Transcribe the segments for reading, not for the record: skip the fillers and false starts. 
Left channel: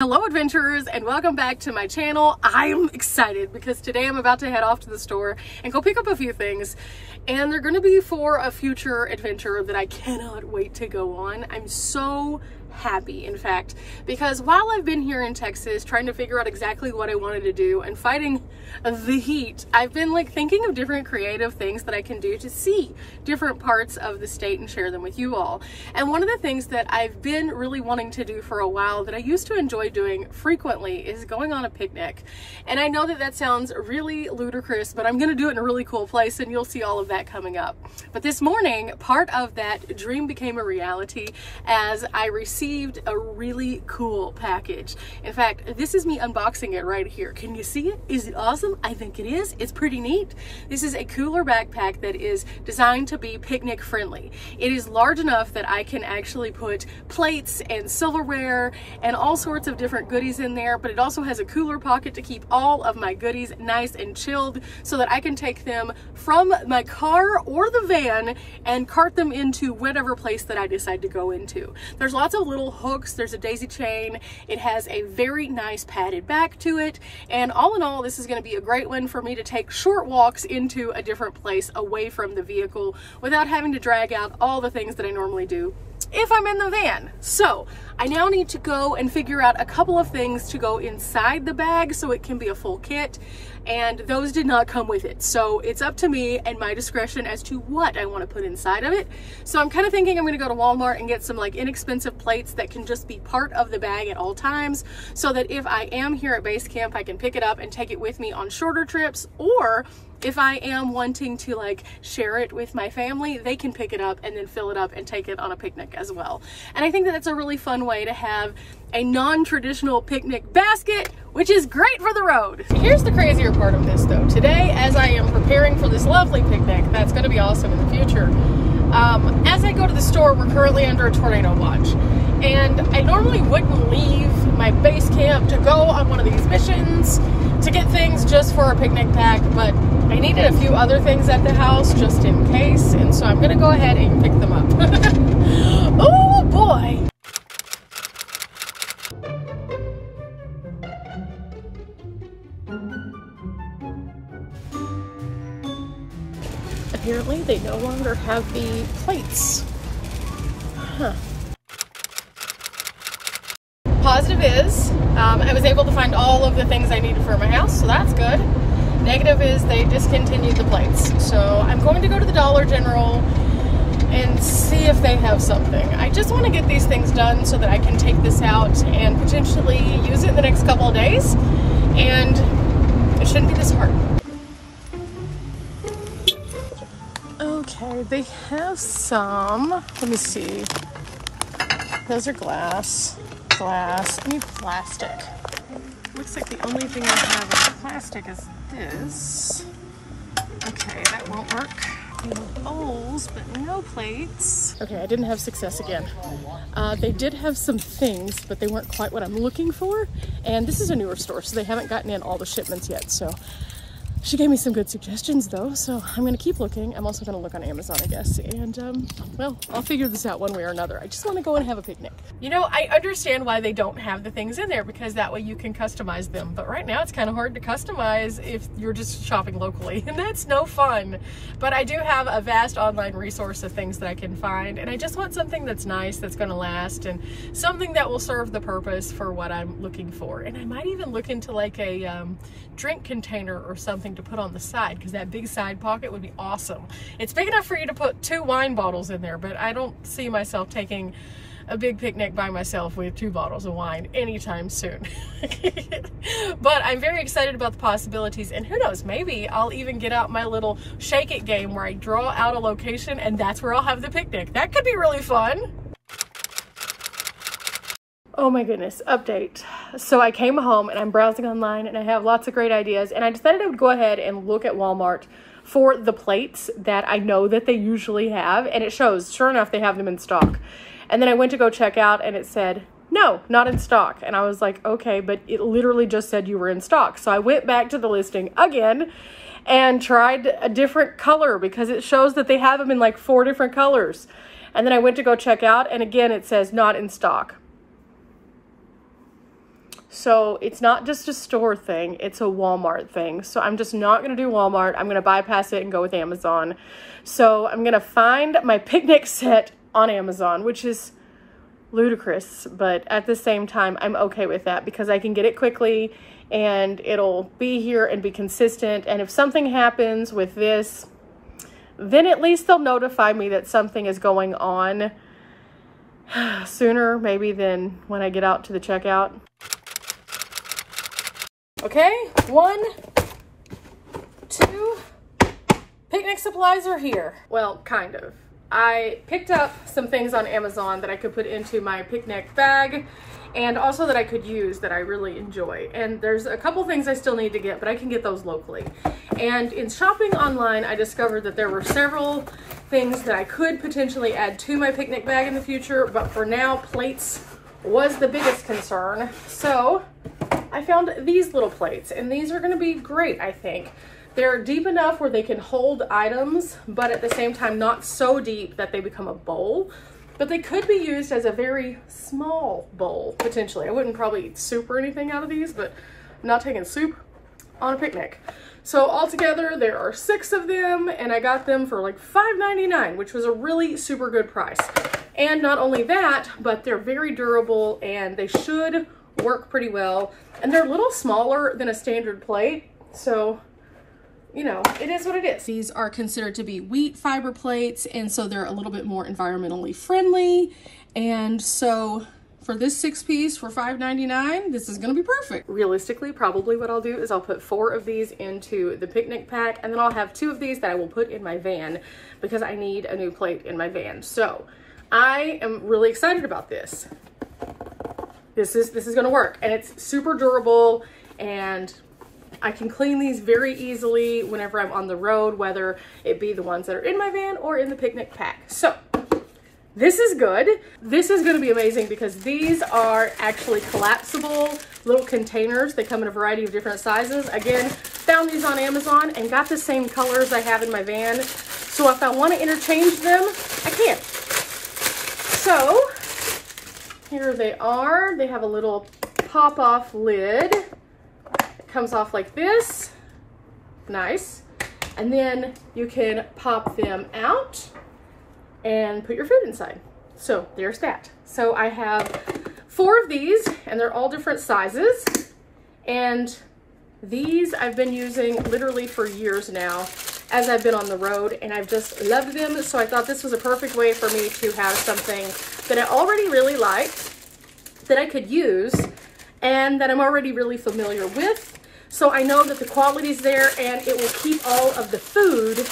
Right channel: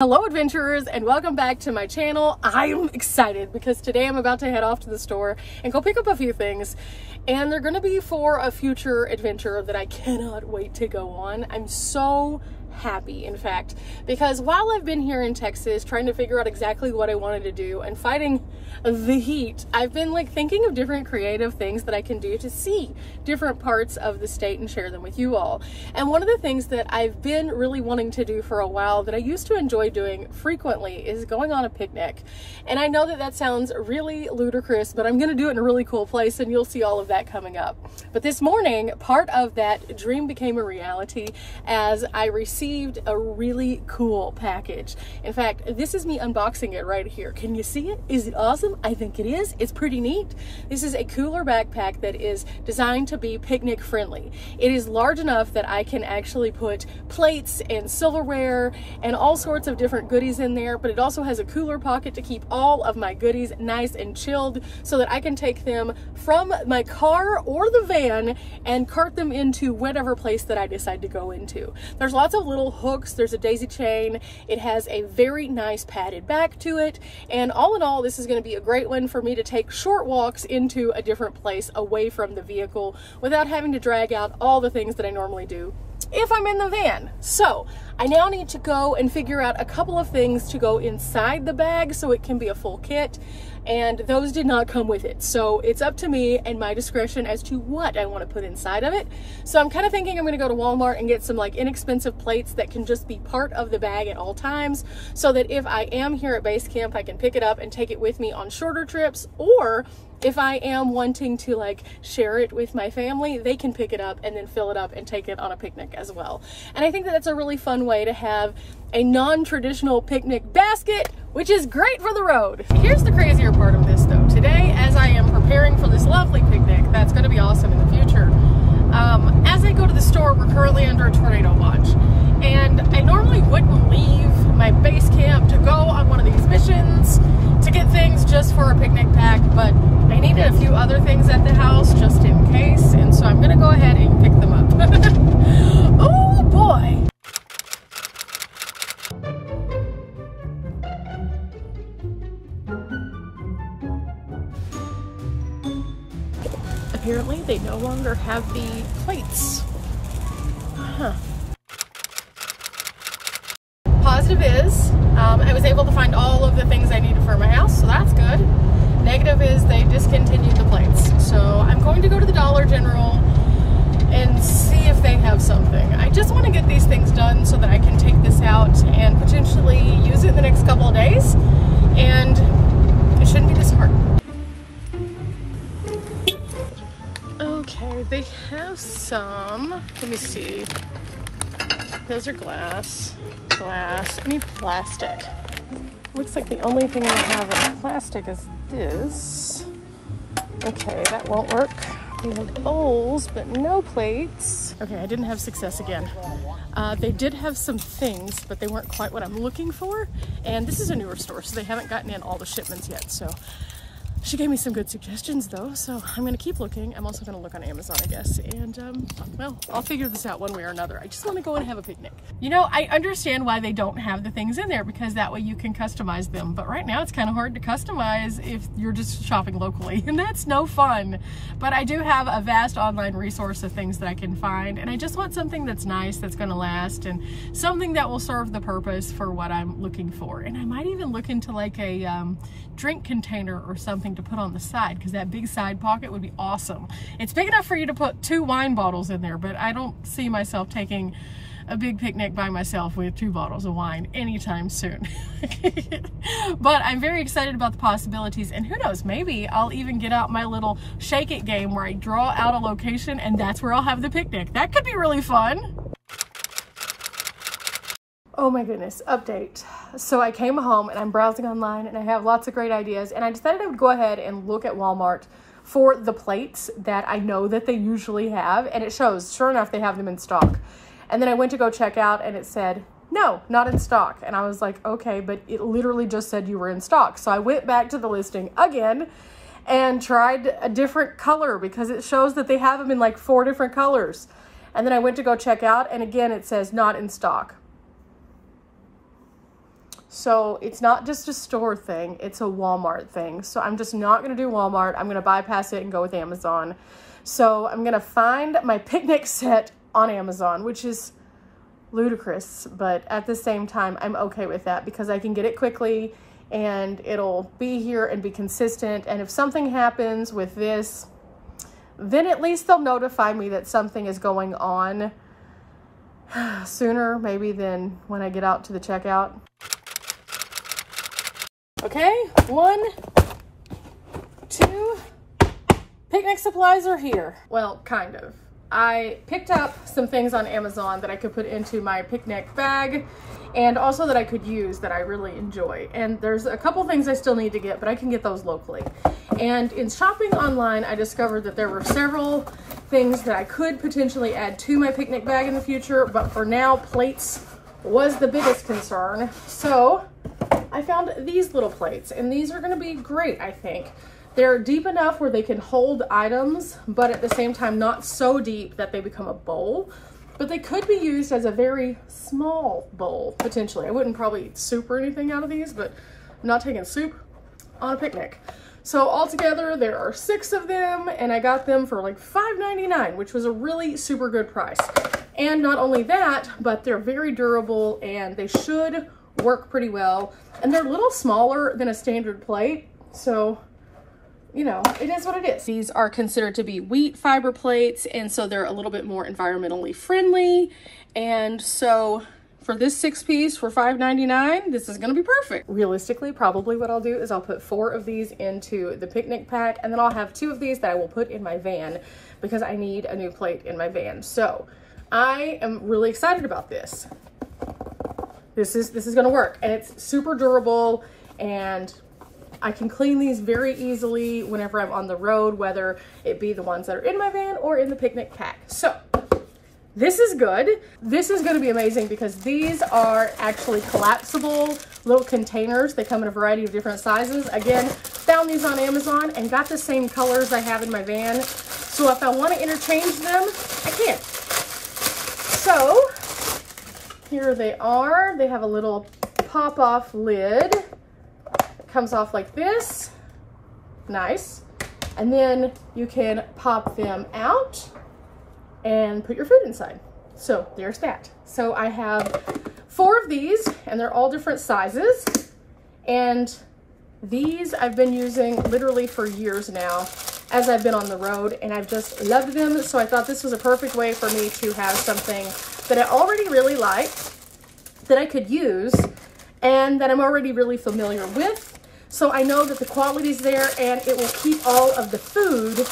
Hello adventurers, and welcome back to my channel. I'm excited because today I'm about to head off to the store and go pick up a few things, and they're going to be for a future adventure that I cannot wait to go on. I'm so happy, in fact, because while I've been here in Texas trying to figure out exactly what I wanted to do and fighting the heat, I've been like thinking of different creative things that I can do to see different parts of the state and share them with you all. And one of the things that I've been really wanting to do for a while that I used to enjoy doing frequently is going on a picnic. And I know that that sounds really ludicrous, but I'm going to do it in a really cool place, and you'll see all of that coming up. But this morning, part of that dream became a reality as I received a really cool package. In fact, this is me unboxing it right here. Can you see it? Is it awesome? I think it is. It's pretty neat. This is a cooler backpack that is designed to be picnic friendly. It is large enough that I can actually put plates and silverware and all sorts of different goodies in there, but it also has a cooler pocket to keep all of my goodies nice and chilled so that I can take them from my car or the van and cart them into whatever place that I decide to go into. There's lots of little hooks, there's a daisy chain, it has a very nice padded back to it, and all in all, this is going to be a great one for me to take short walks into a different place away from the vehicle without having to drag out all the things that I normally do if I'm in the van. So I now need to go and figure out a couple of things to go inside the bag so it can be a full kit, and those did not come with it. So it's up to me and my discretion as to what I want to put inside of it. So I'm kind of thinking I'm going to go to Walmart and get some like inexpensive plates that can just be part of the bag at all times, so that if I am here at base camp, I can pick it up and take it with me on shorter trips, or if I am wanting to like share it with my family, they can pick it up and then fill it up and take it on a picnic as well. And I think that that's a really fun way to have a non-traditional picnic basket, which is great for the road. Here's the crazier part of this though. Today, as I am preparing for this lovely picnic, that's gonna be awesome in the future, as I go to the store, we're currently under a tornado watch. And I normally wouldn't leave my base camp to go on one of these missions to get things just for a picnic pack, but I needed a few other things at the house just in case, and so I'm gonna go ahead and pick them up. Oh boy! Apparently they no longer have the plates. Huh. Positive is, I was able to find all of the things I needed for my house, so that's good. Negative is they discontinued the plates. So I'm going to go to the Dollar General and see if they have something. I just want to get these things done so that I can take this out and potentially use it in the next couple of days, and it shouldn't be this hard. Okay, they have some. Let me see. Those are glass. I need plastic. Looks like the only thing I have in plastic is this. Okay, that won't work. We have bowls, but no plates. Okay, I didn't have success again. They did have some things, but they weren't quite what I'm looking for. And this is a newer store, so they haven't gotten in all the shipments yet. So she gave me some good suggestions though, so I'm gonna keep looking. I'm also gonna look on Amazon, I guess, and well, I'll figure this out one way or another. I just wanna go and have a picnic. You know, I understand why they don't have the things in there, because that way you can customize them, but right now it's kind of hard to customize if you're just shopping locally, and that's no fun. But I do have a vast online resource of things that I can find, and I just want something that's nice, that's gonna last, and something that will serve the purpose for what I'm looking for. And I might even look into like a drink container or something to put on the side, because that big side pocket would be awesome. It's big enough for you to put 2 wine bottles in there, but I don't see myself taking a big picnic by myself with 2 bottles of wine anytime soon. But I'm very excited about the possibilities, and who knows, maybe I'll even get out my little shake it game where I draw out a location and that's where I'll have the picnic. That could be really fun. Oh my goodness, update. So I came home and I'm browsing online and I have lots of great ideas, and I decided I would go ahead and look at Walmart for the plates that I know that they usually have, and it shows, sure enough, they have them in stock. And then I went to go check out and it said, no, not in stock. And I was like, okay, but it literally just said you were in stock. So I went back to the listing again and tried a different color, because it shows that they have them in like 4 different colors. And then I went to go check out, and again, it says not in stock. So it's not just a store thing, it's a Walmart thing. So I'm just not gonna do Walmart. I'm gonna bypass it and go with Amazon. So I'm gonna find my picnic set on Amazon, which is ludicrous, but at the same time, I'm okay with that because I can get it quickly and it'll be here and be consistent. And if something happens with this, then at least they'll notify me that something is going on sooner maybe than when I get out to the checkout. Okay, 1, 2, picnic supplies are here. Well, kind of. I picked up some things on Amazon that I could put into my picnic bag and also that I could use that I really enjoy. And there's a couple things I still need to get, but I can get those locally. And in shopping online, I discovered that there were several things that I could potentially add to my picnic bag in the future, but for now, plates was the biggest concern. So I found these little plates, and these are gonna be great, I think. They're deep enough where they can hold items, but at the same time, not so deep that they become a bowl. But they could be used as a very small bowl, potentially. I wouldn't probably eat soup or anything out of these, but I'm not taking soup on a picnic. So altogether, there are 6 of them, and I got them for like $5.99, which was a really super good price. And not only that, but they're very durable, and they should work pretty well. And they're a little smaller than a standard plate, so you know, it is what it is. These are considered to be wheat fiber plates, and so they're a little bit more environmentally friendly. And so for this 6-piece for $5.99, this is gonna be perfect. Realistically, probably what I'll do is I'll put 4 of these into the picnic pack, and then I'll have 2 of these that I will put in my van because I need a new plate in my van. So I am really excited about this. This is gonna work, and it's super durable, and I can clean these very easily whenever I'm on the road, whether it be the ones that are in my van or in the picnic pack. So this is good. This is going to be amazing because these are actually collapsible little containers. They come in a variety of different sizes. Again, found these on Amazon and got the same colors I have in my van. So if I want to interchange them, I can. So here they are. They have a little pop-off lid. Comes off like this. Nice. And then you can pop them out and put your food inside. So there's that. So I have 4 of these, and they're all different sizes. And these I've been using literally for years now as I've been on the road, and I've just loved them. So I thought this was a perfect way for me to have something that I already really liked, that I could use, and that I'm already really familiar with. So I know that the quality's there, and it will keep all of the food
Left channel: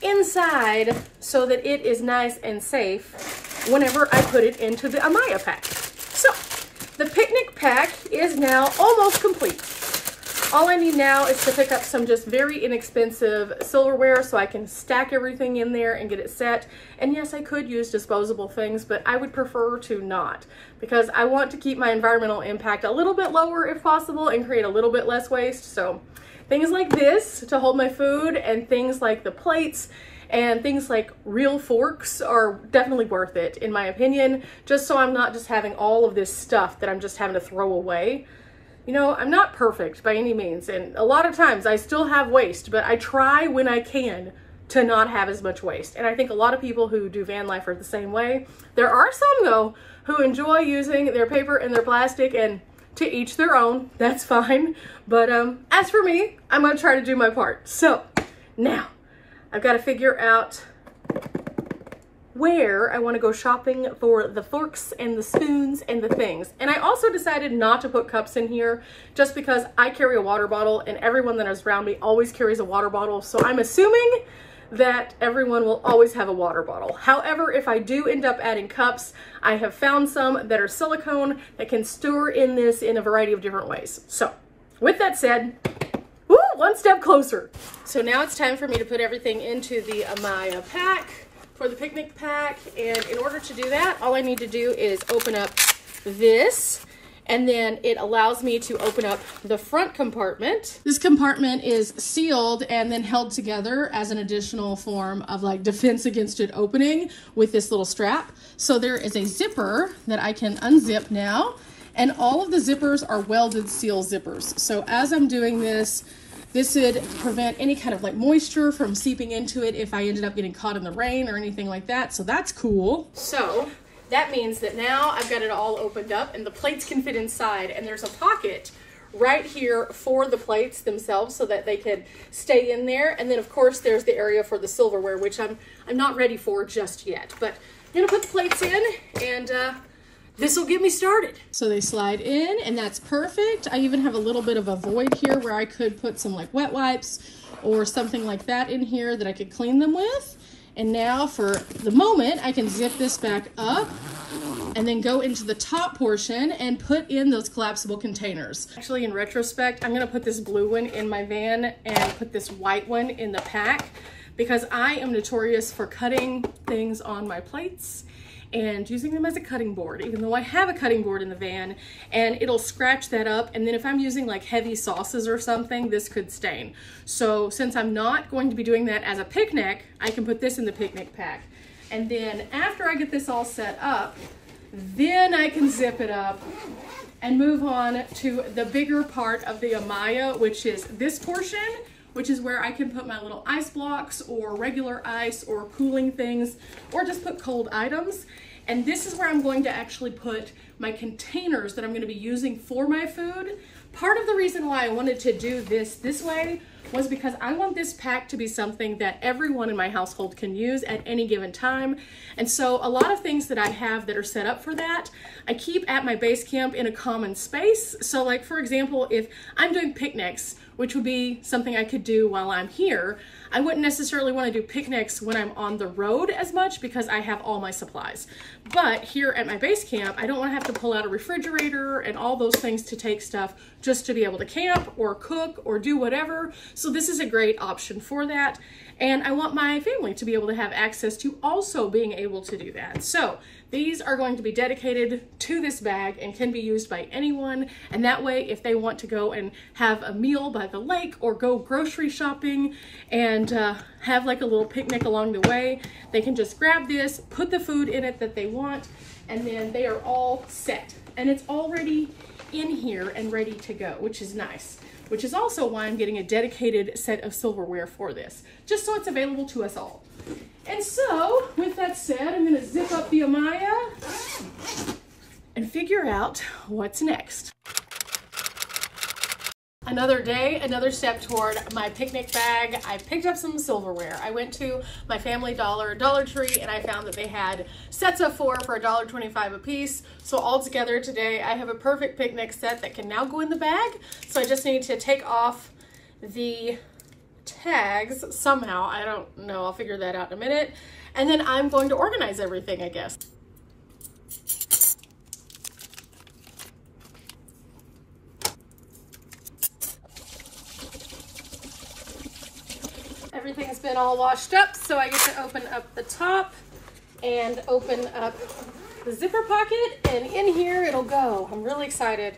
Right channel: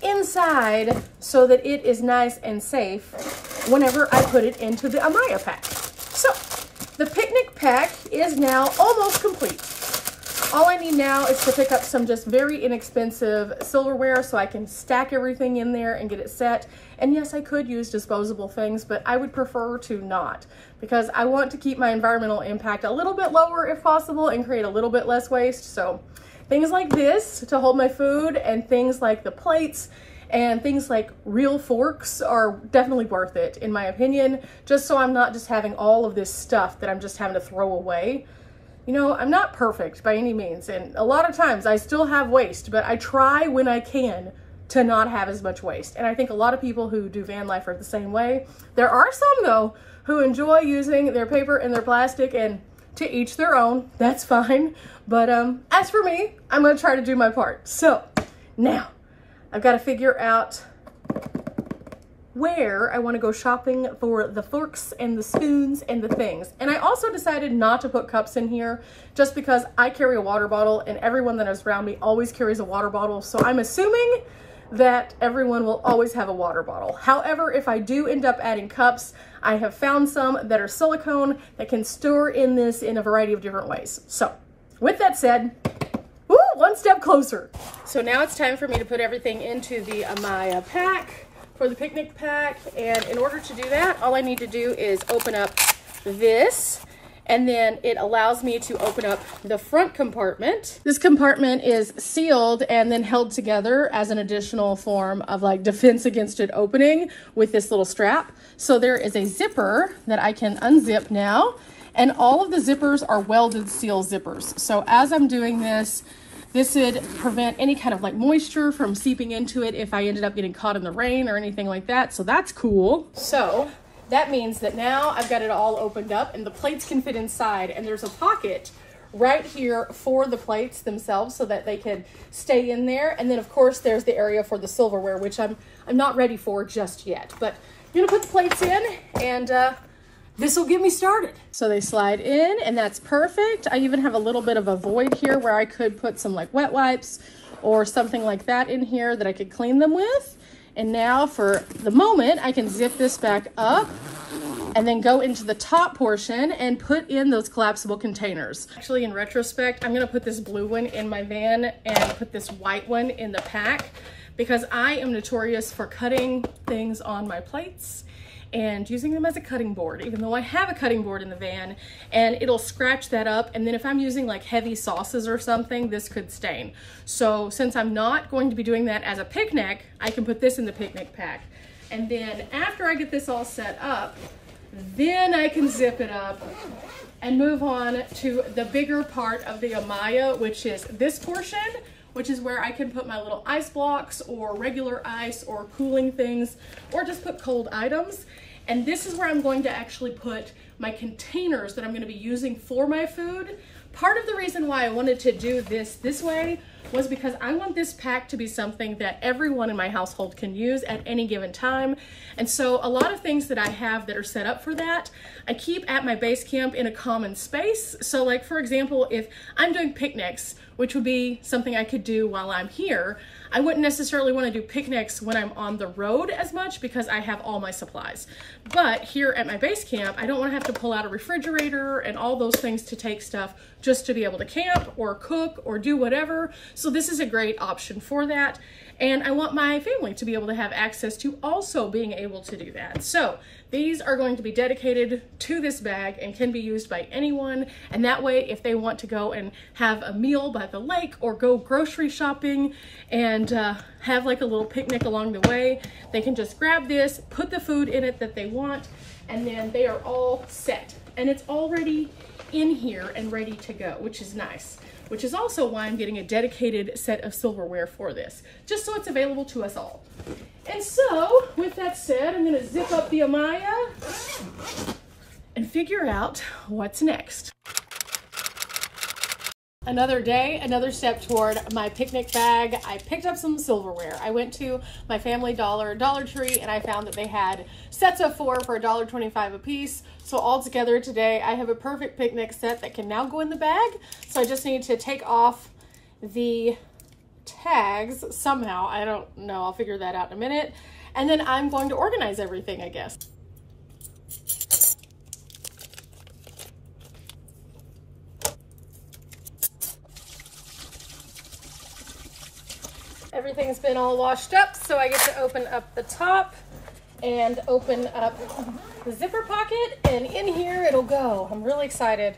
inside so that it is nice and safe whenever I put it into the Ayamaya pack. So the picnic pack is now almost complete. All I need now is to pick up some just very inexpensive silverware so I can stack everything in there and get it set. And yes, I could use disposable things, but I would prefer to not, because I want to keep my environmental impact a little bit lower if possible and create a little bit less waste. So things like this to hold my food, and things like the plates and things like real forks are definitely worth it, in my opinion, just so I'm not just having all of this stuff that I'm just having to throw away. You know, I'm not perfect by any means, and a lot of times I still have waste, but I try when I can to not have as much waste. And I think a lot of people who do van life are the same way. There are some, though, who enjoy using their paper and their plastic, and to each their own. That's fine. But as for me, I'm gonna try to do my part. So now I've got to figure out where I want to go shopping for the forks and the spoons and the things. And I also decided not to put cups in here just because I carry a water bottle, and everyone that is around me always carries a water bottle. So I'm assuming that everyone will always have a water bottle. However, if I do end up adding cups, I have found some that are silicone that can store in this in a variety of different ways. So with that said, woo, one step closer. So now it's time for me to put everything into the Ayamaya pack for the picnic pack. And in order to do that, all I need to do is open up this, and then it allows me to open up the front compartment. This compartment is sealed and then held together as an additional form of like defense against it opening with this little strap. So there is a zipper that I can unzip now, And all of the zippers are welded seal zippers. So as I'm doing this, this would prevent any kind of like moisture from seeping into it if I ended up getting caught in the rain or anything like that. So that's cool. So that means that now I've got it all opened up and the plates can fit inside, and there's a pocket right here for the plates themselves so that they can stay in there. And then of course there's the area for the silverware, which I'm not ready for just yet, but I'm gonna put the plates in and this will get me started. So they slide in and that's perfect. I even have a little bit of a void here where I could put some like wet wipes or something like that in here that I could clean them with. And now for the moment, I can zip this back up and then go into the top portion and put in those collapsible containers. Actually, in retrospect, I'm gonna put this blue one in my van and put this white one in the pack because I am notorious for cutting things on my plates and using them as a cutting board, even though I have a cutting board in the van, and it'll scratch that up. And then if I'm using like heavy sauces or something, this could stain. So since I'm not going to be doing that as a picnic, I can put this in the picnic pack. And then after I get this all set up, then I can zip it up and move on to the bigger part of the Ayamaya, which is this portion, which is where I can put my little ice blocks or regular ice or cooling things, or just put cold items. And this is where I'm going to actually put my containers that I'm going to be using for my food. Part of the reason why I wanted to do this way was because I want this pack to be something that everyone in my household can use at any given time. And so a lot of things that I have that are set up for that, I keep at my base camp in a common space. So like, for example, if I'm doing picnics, which would be something I could do while I'm here, I wouldn't necessarily want to do picnics when I'm on the road as much because I have all my supplies. But here at my base camp, I don't want to have to pull out a refrigerator and all those things to take stuff just to be able to camp or cook or do whatever. So this is a great option for that. And I want my family to be able to have access to also being able to do that. So these are going to be dedicated to this bag and can be used by anyone. And that way, if they want to go and have a meal by the lake or go grocery shopping and have like a little picnic along the way, they can just grab this, put the food in it that they want, and then they are all set. And it's already in here and ready to go, which is nice. Which is also why I'm getting a dedicated set of silverware for this, just so it's available to us all. And so, with that said, I'm gonna zip up the Ayamaya and figure out what's next. Another day, another step toward my picnic bag. I picked up some silverware. I went to my Family Dollar, Dollar Tree, and I found that they had sets of 4 for $1.25 a piece. So all together today, I have a perfect picnic set that can now go in the bag. So I just need to take off the tags somehow. I don't know, I'll figure that out in a minute. And then I'm going to organize everything, I guess. Everything's been all washed up, so I get to open up the top and open up the zipper pocket, and in here it'll go. I'm really excited.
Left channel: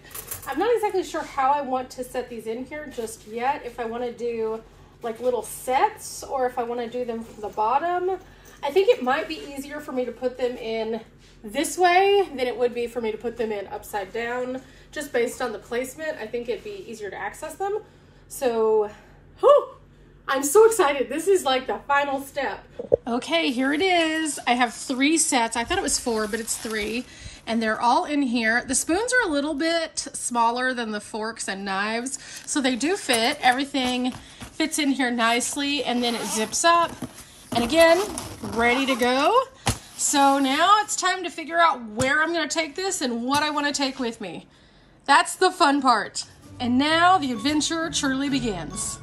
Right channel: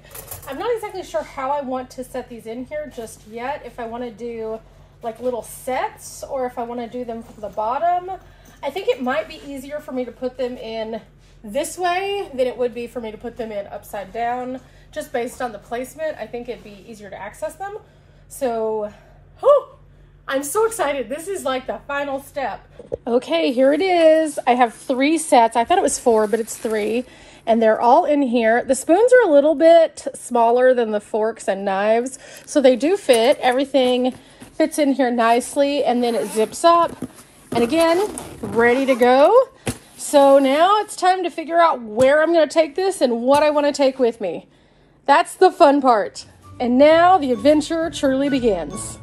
I'm not exactly sure how I want to set these in here just yet, if I want to do like little sets or if I want to do them from the bottom. I think it might be easier for me to put them in this way than it would be for me to put them in upside down, just based on the placement. I think it'd be easier to access them. So, whew, I'm so excited. This is like the final step. Okay, here it is. I have 3 sets. I thought it was 4, but it's 3. And they're all in here. The spoons are a little bit smaller than the forks and knives, so they do fit. Everything fits in here nicely, and then it zips up. And again, ready to go. So now it's time to figure out where I'm gonna take this and what I wanna take with me. That's the fun part. And now the adventure truly begins.